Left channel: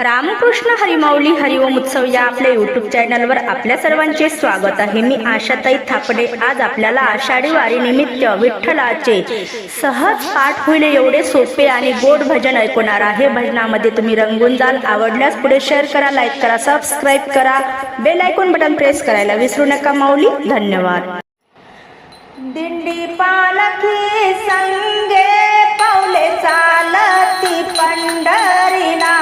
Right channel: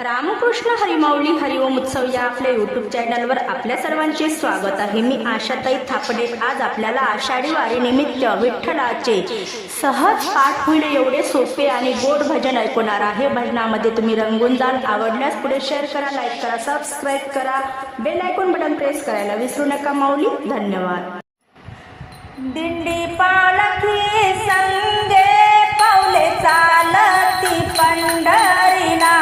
रामकृष्ण हरिमाऊली हरिओम उत्सव या आपल्या यूट्यूब चॅनलवर आपल्या सर्वांचे स्वागत आहे। मी आशाताई थापडे आज आपल्याला आषाढी वारी निमित्त विठ्ठलाचे सहज पाठ होईल एवढे सोपे आणि गोड भजन ऐकवणार आहे। भजनामध्ये तुम्ही रंगून जाल। आवडल्यास पुढे शेअर करा, लाईक करा, सबस्क्राईब करा, बेल आयकॉन बटन प्रेस करायला विसरू नका। माऊली धन्यवाद। दिंडी पालखी संगे पावले चालती पंढरीला,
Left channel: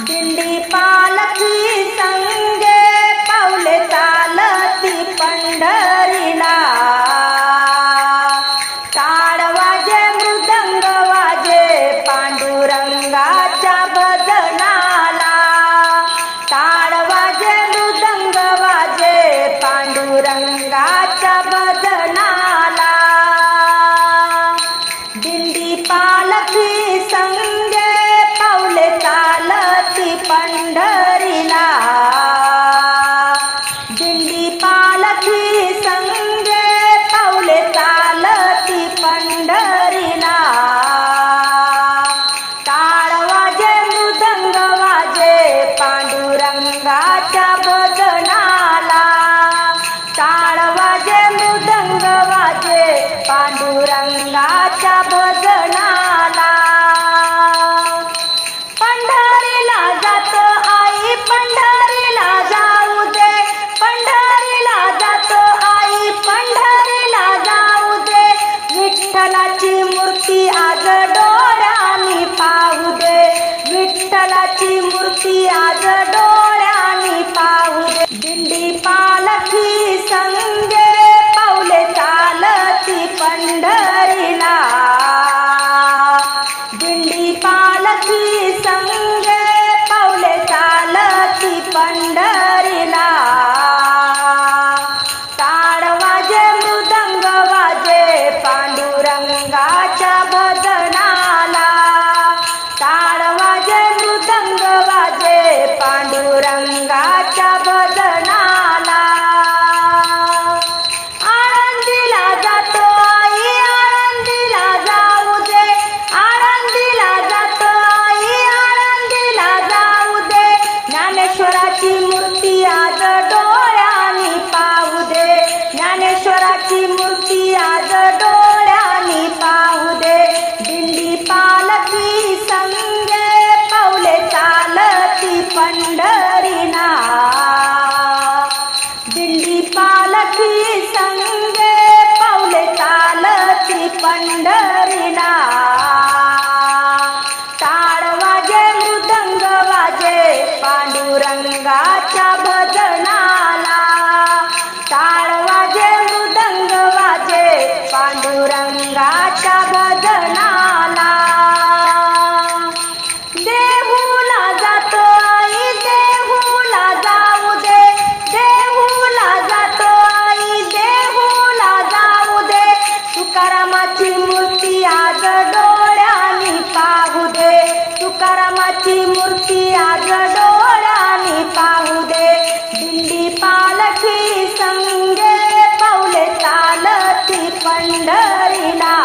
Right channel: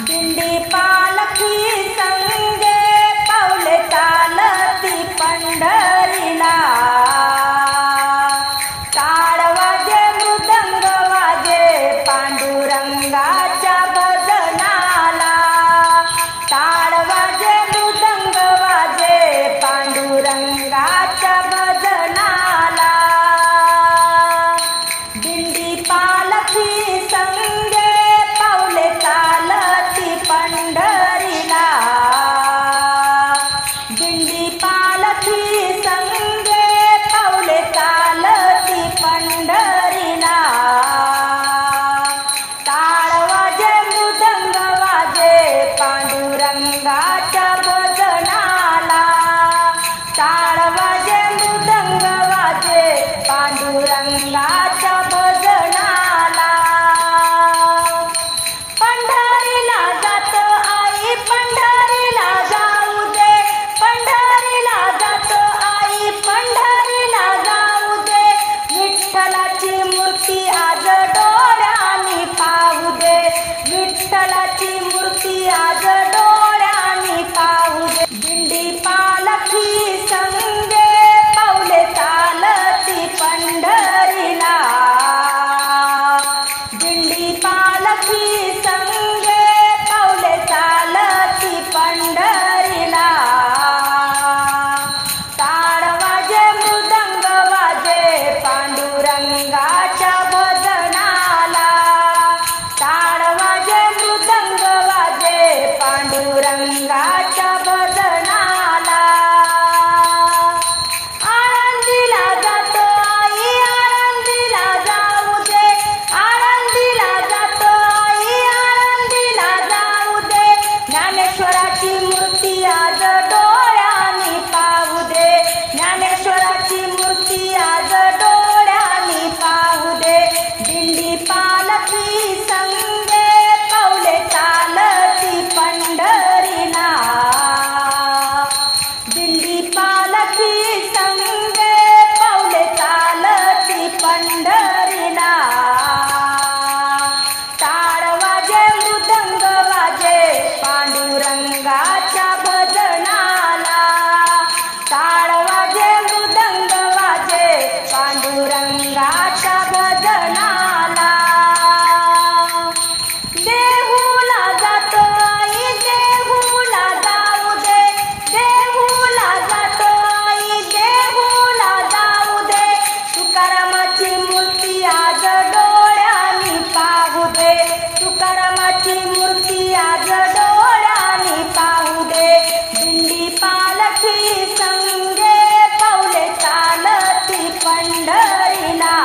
दिंडी पालखी संगे पावले चालती पंढरीला। टाळ वाजे मृदंग वाजे पांडुरंगाच्या भजनाला, टाळ वाजे मृदंग वाजे पांडुरंगाच्या भजनाला। दिंडी पालखी संगे पावले चालती पंढरीला, दिंडी पालखी संगे पावले चालती पंढरीला। टाळ वाजे मृदंग वाजे पांडुरंगाच्या भजनाला, टाळ वाजे मृदंग वाजे पांडुरंगाच्या भजनाला। पंढरीला जातो आई पंढरीला जाऊ दे, पंढरीला जातो आई पंढरीला जाऊ दे। विठ्ठलाची मूर्ती आज डोळ्यांनी पाहू दे, विठ्ठलाची मूर्ती आज डोळ्यांनी पाहू दे। दिंडी पालखी संगे पावले चालती पंढरीला, दिंडी पालखी संगे पावले चालती पंढरीला। टाळ वाजे मृदंग वाजे पांडुरंगाच्या भजनाला, टाळ वाजे मृदंग वाजे पांडुरंगाच्या भजनाला। आळंदीला जातो आई आळंदीला जाऊ दे, आळंदीला जातो आई आळंदीला जाऊ दे। ज्ञानेश्वराची मूर्ती आज डोळ्यांनी पाहू दे, ज्ञानेश्वराची मूर्ती आज डोळ्यांनी पाहू दे। दिंडी पालखी संगे पावले चालती पंढरीला, दिंडी पालखी संगे पावले चालती पंढरीला। टाळ वाजे मृदंग वाजे पांडुरंगाच्या भजनाला, टाळ वाजे मृदंग वाजे पांडुरंगाच्या भजनाला। देहूला जातो आई देहूला जाऊ दे, देहूला जातो आई देहूला जाऊ दे। तुकारामाची मूर्ती आज डोळ्यांनी पाहू दे, तुकारामाची मूर्ती आज डोळ्यांनी पाहू दे। दिंडी पालखी संगे पावले चालती पंढरीला,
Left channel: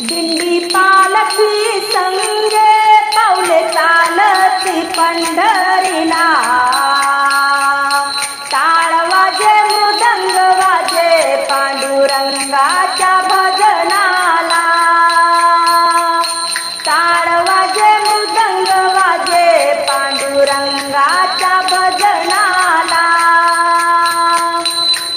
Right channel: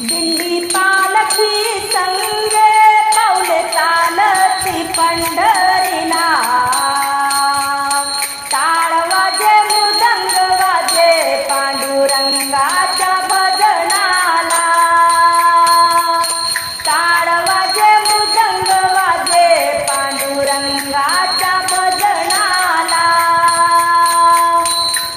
दिंडी पालखी संगे पावले चालती पंढरीला। टाळ वाजे मृदंग वाजे पांडुरंगाच्या भजनाला, टाळ वाजे मृदंग वाजे पांडुरंगाच्या भजनाला।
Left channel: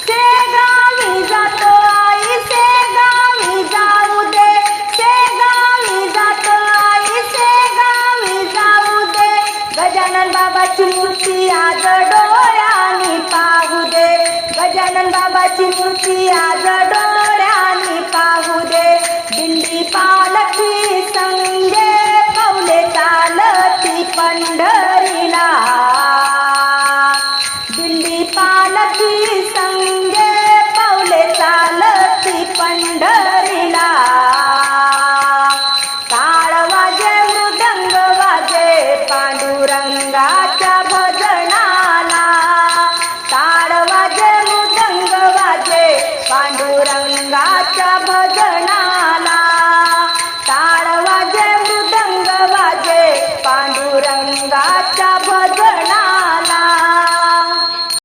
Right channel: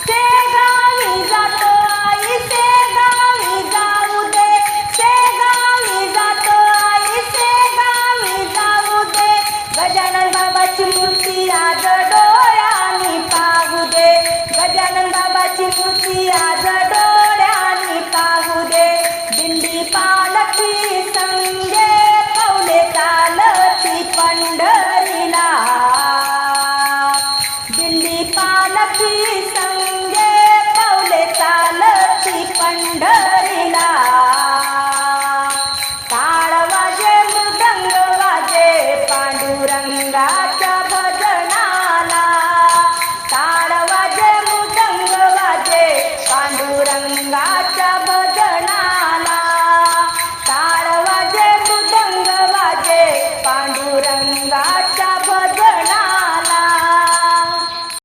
शेगावी जातो आई शेगावी जाऊ दे, शेगावी जातो आई शेगावी जाऊ दे। गजानन बाबाची मूर्ती आज डोळ्यांनी पाहू दे, गजानन बाबाची मूर्ती आज डोळ्यांनी पाहू दे। दिंडी पालखी संगे पावले चालती पंढरीला, दिंडी पालखी संगे पावले चालती पंढरीला। टाळ वाजे मृदंग वाजे पांडुरंगाच्या भजनाला, टाळ वाजे मृदंग वाजे पांडुरंग पांडुरंगाच्या भजनाला